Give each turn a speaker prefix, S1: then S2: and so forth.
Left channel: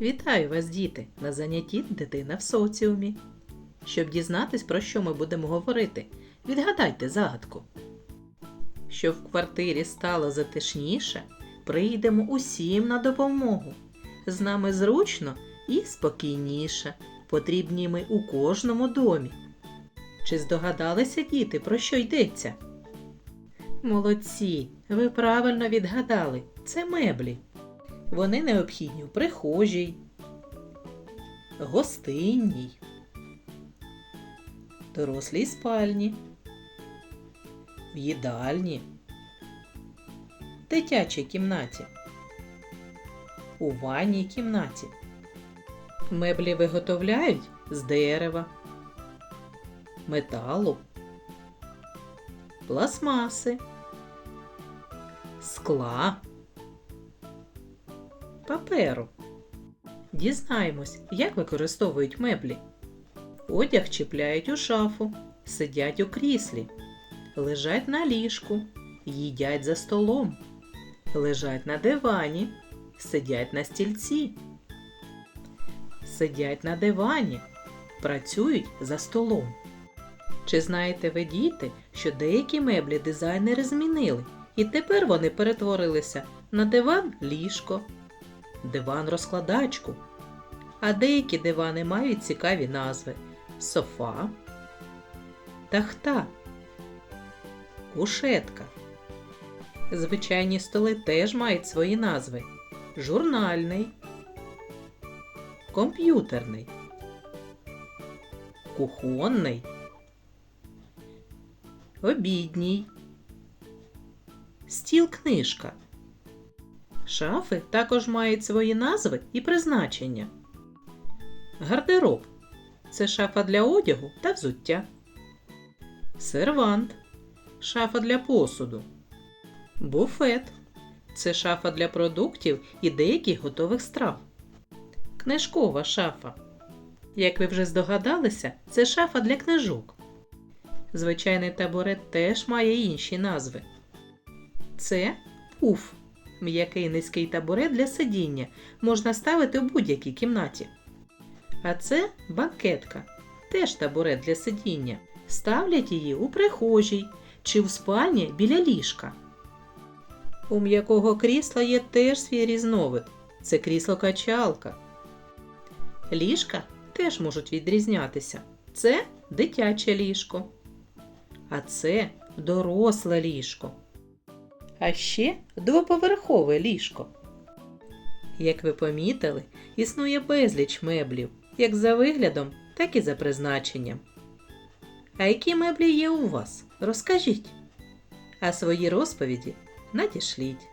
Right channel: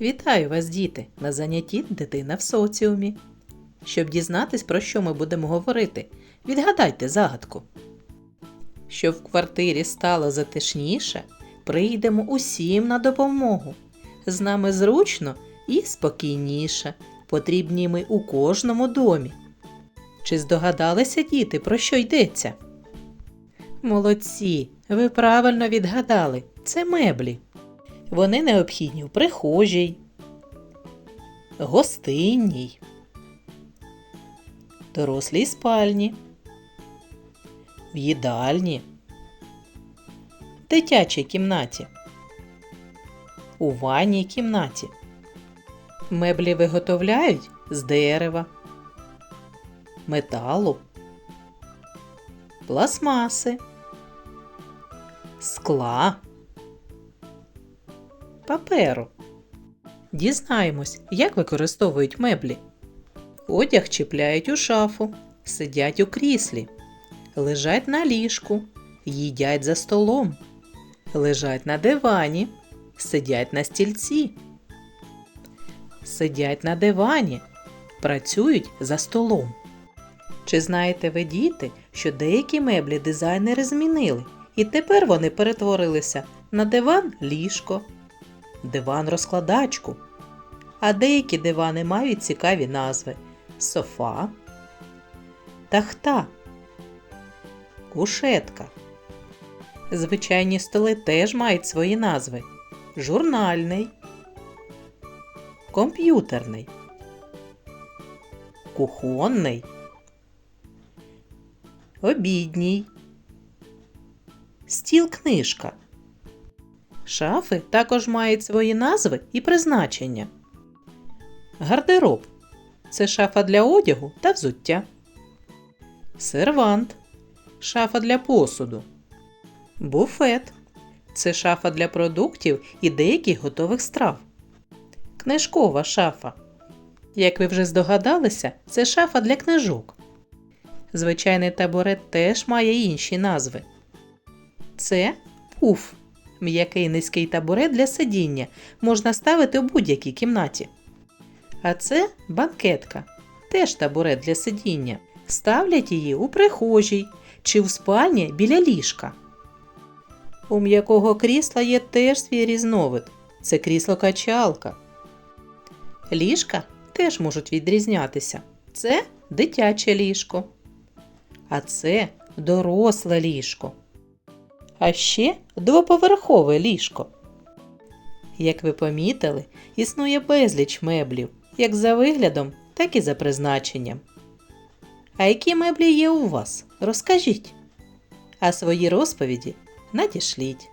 S1: Вітаю вас, діти, на занятті Дитина в соціумі. Щоб дізнатись, про що ми будемо говорити, відгадайте загадку. Щоб в квартирі стало затишніше, прийдемо усім на допомогу. З нами зручно і спокійніше. Потрібні ми у кожному домі. Чи здогадалися діти, про що йдеться? Молодці, ви правильно відгадали. Це меблі. Вони необхідні в прихожій, гостинній, дорослій спальні, в їдальні, дитячій кімнаті, у ванній кімнаті. Меблі виготовляють з дерева, металу, пластмаси, скла паперу. Дізнаємось, як використовують меблі. Одяг чіпляють у шафу, сидять у кріслі, лежать на ліжку, їдять за столом, лежать на дивані, сидять на стільці, сидять на дивані, працюють за столом. Чи знаєте ви, діти, що деякі меблі дизайнери змінили, і тепер вони перетворилися на диван ліжко, диван розкладачку. А деякі дивани мають цікаві назви софа, тахта, кушетка. Звичайні столи теж мають свої назви: журнальний, комп'ютерний, кухонний, обідній, стіл книжка. Шафи також мають свої назви і призначення. Гардероб це шафа для одягу та взуття. Сервант шафа для посуду. Буфет це шафа для продуктів і деяких готових страв. Книжкова шафа. Як ви вже здогадалися, це шафа для книжок. Звичайний табурет теж має інші назви. Це пуф м'який низький табурет для сидіння можна ставити у будь-якій кімнаті. А це банкетка, теж табурет для сидіння. Ставлять її у прихожій чи в спальні біля ліжка. У м'якого крісла є теж свій різновид це крісло-качалка. Ліжка теж можуть відрізнятися. Це дитяче ліжко. А це доросле ліжко а ще двоповерхове ліжко. Як ви помітили, існує безліч меблів, як за виглядом, так і за призначенням. А які меблі є у вас? Розкажіть. А свої розповіді надішліть.